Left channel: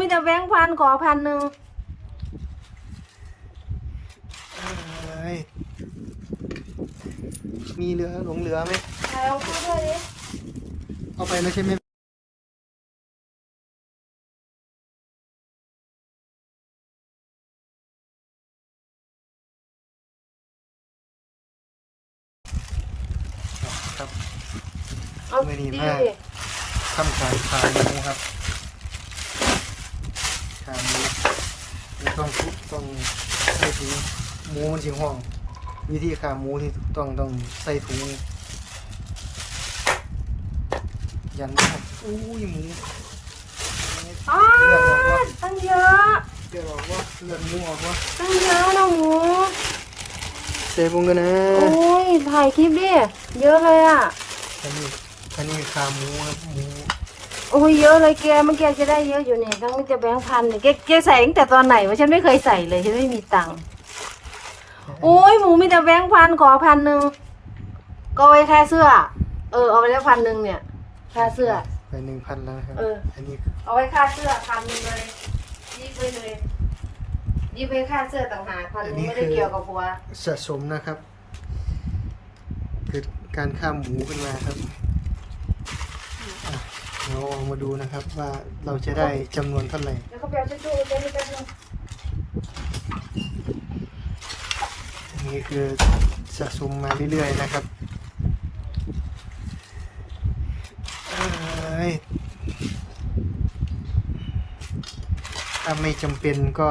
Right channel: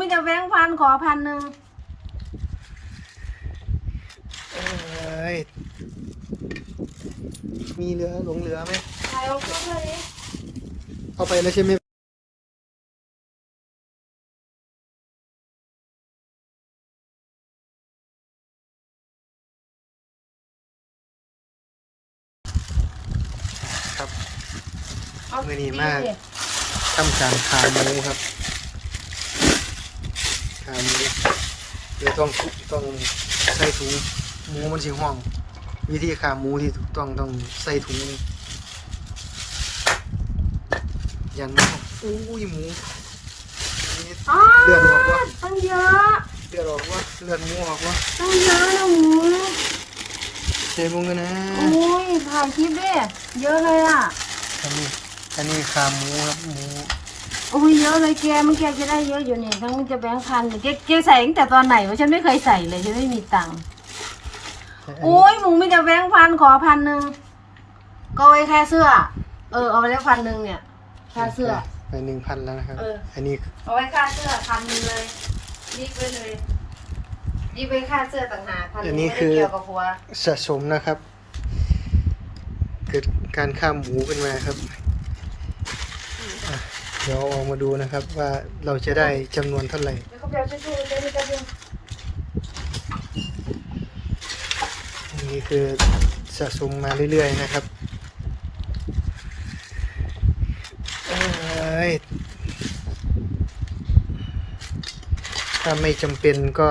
มีแต่แบงค์พันขอพันหนึ่งเอ้ยมีเหลือหลงเหลือไหมถ่ายลงพูดเท่านี้เอาไปแล้วใช่ไหมครับมือดีมากทำการขาหมูครับ ขาหมูเดี๋ยวต้องทุต้องใส่ถุงหมูมันสิห่วงวิธีขาหมูที่ถูกต้องต้องใส่ถุง ยันมากอุ้ยหมูนี่อ๋อเลือดออกวะตั้งเยอะเลือดออกวะเลือดหมูออกวะตั้งเยอะน้องหมูเซฟลงกันนะโอ้ยถ่ายคลิปดิเยอะเลยอะอันนี้อันนี้ขาหมูครับหมู โอ้ยเยอะเลยแกมันแกจะได้เยอะอยู่เนี่ยทั้งมันจะแบงค์พันเนี่ยแกแกใส่ตั้งแต่ตอนไหนวะฉันไม่เคยใส่เลยฉันไม่มีตังค์อันโอ้นี้ยหมูมีแต่แบงค์พันขอพันหนึ่งก็ไว้แค่เสื้อ เออเอาไปแล้วพันหนึ่งเนี่ยค่าเสื้อไปหนึ่งพันแล้วนะครับ เออ อันนี้เอาไว้ค่าเสื้อพันหนึ่งเลยยิบไปเลยยิบไปค่าเสื้อต่างหากพันหนึ่งไม่ได้เกี่ยวกับผัวสะสมนะครับ เกิดการข้ามหมูขึ้นมาครับอะ เดี๋ยวเอามาดูนะครับว่าเราจะได้จำนวนเท่าไหร่เดี๋ยวเขาเปลี่คือสะสมมาเรื่อยๆนะครับถ้าไม่จำเป็นก็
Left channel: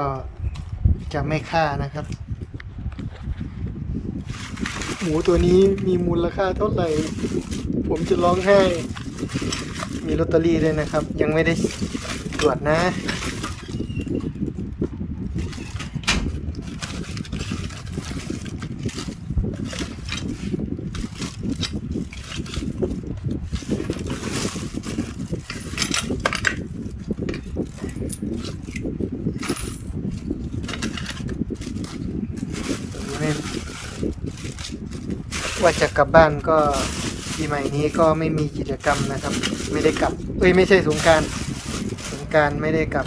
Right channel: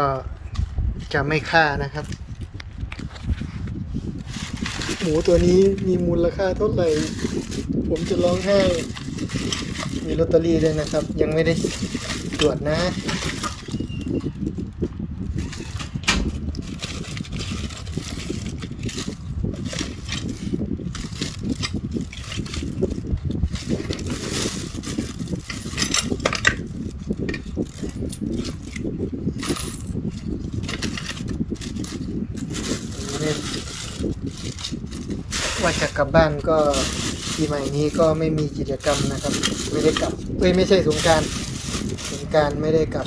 จะไม่ฆ่านะครับ หมูตัวนี้มีมูลค่าเท่าไหร่ ผมจะร้องไห้ มีลอตเตอรี่ด้วยนะครับ ยังไม่ได้ตรวจนะ ว่าจะกลับบ้านก็ ปีใหม่นี้ก็ไม่มีกิจกรรมนะครับ ไม่ได้กลับเอ้ยไม่ใช่สงกรารสงกรารไม่ได้กลับ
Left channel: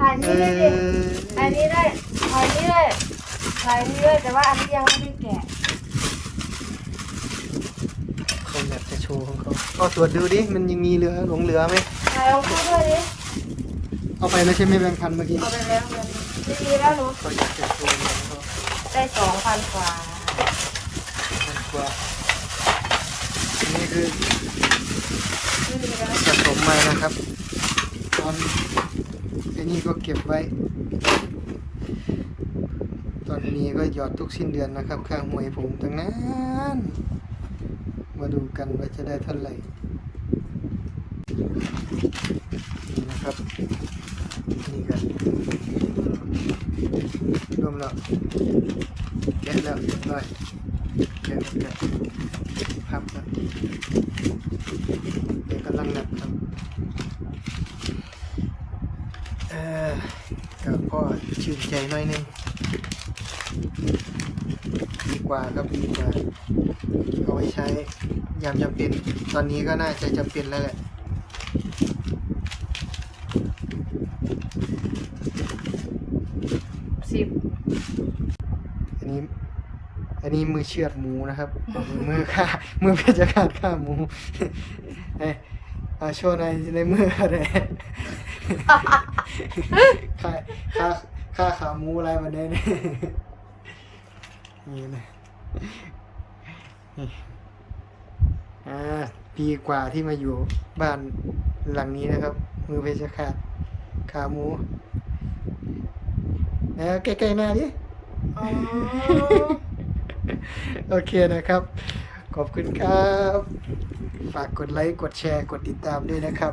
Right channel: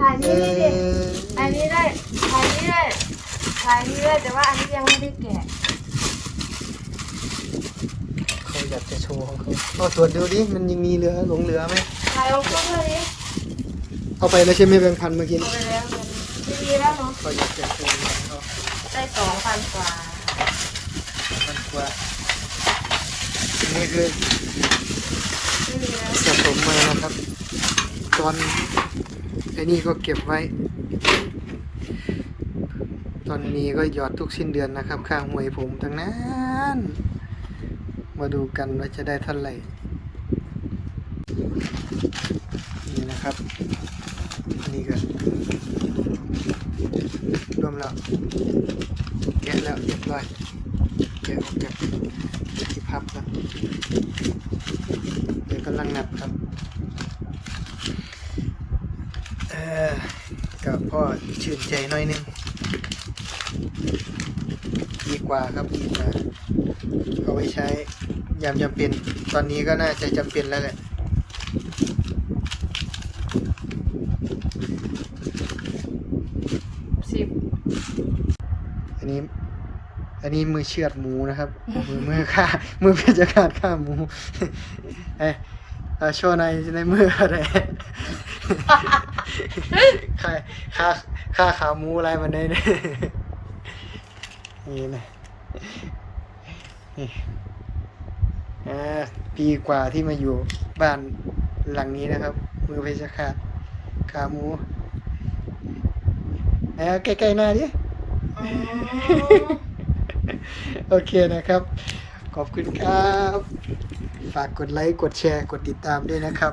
ถ่ายเอนี่ได้ดิอถ่ายนี่ได้ถ่ายนี่ได้ถ่ายนี่ได้แต่ว่าอันนี้ยังไม่ได้แกะเขาอยากจะโชว์ของเขาเอาตรวจดูดิมันยังมีเหลือหลงเหลือไหมถ่ายลงพูดเท่านี้เอาไปแล้วใช่ไหมแบงค์พันเมื่อกี้เอาไปแล้ วเมื่อกี้แล้วหนูเขาอยากจะโชว์เหมือนเขาได้สองพันกว่าพันกว่าอันนี้คือไม่มีแล้วสะสมมานะครับ ตอนไอ้นี่ก็เก็บไว้ ตอนนี้ก็หยอดทุกสิ้นเดือนนะครับ ค่าหวยผมทั้งนั้น มาดูกันว่าจะได้เท่าไหร่นี่นะครับ นี่ก็ รวมแล้วแกะแล้วเรียบร้อยแกะออกจากที่พับแล้วเดี๋ยวกำลังนับครับเออก็พ่อชื่นใจหน่อยนึงดีกว่าครับดีกว่าเอาไว้ใช้ยามจำเป็นตอนนี้ก็น่าจะจำเป็นแล้วแหละ สิบ อันนี้ อันนี้มือเชือดหมูนะครับ มือมือฆ่า มือเพชรฆาตฆ่าหมู เอ้ยเอาโชว์ในในมืออะไรค่าค่าค่าขาหมูอะไรมันได้เนี่ยนี่นะนี่อ่าปีกว่าที่มาอยู่บ้านหลังนี้นะครับ มือเพชรฆาตขาหมูแล้วใกล้ๆหน้าดิ โอเคนะครับ ขอบคุณครับ ฝากกดไลค์ กดแชร์ กดติดตามด้วยนะครับ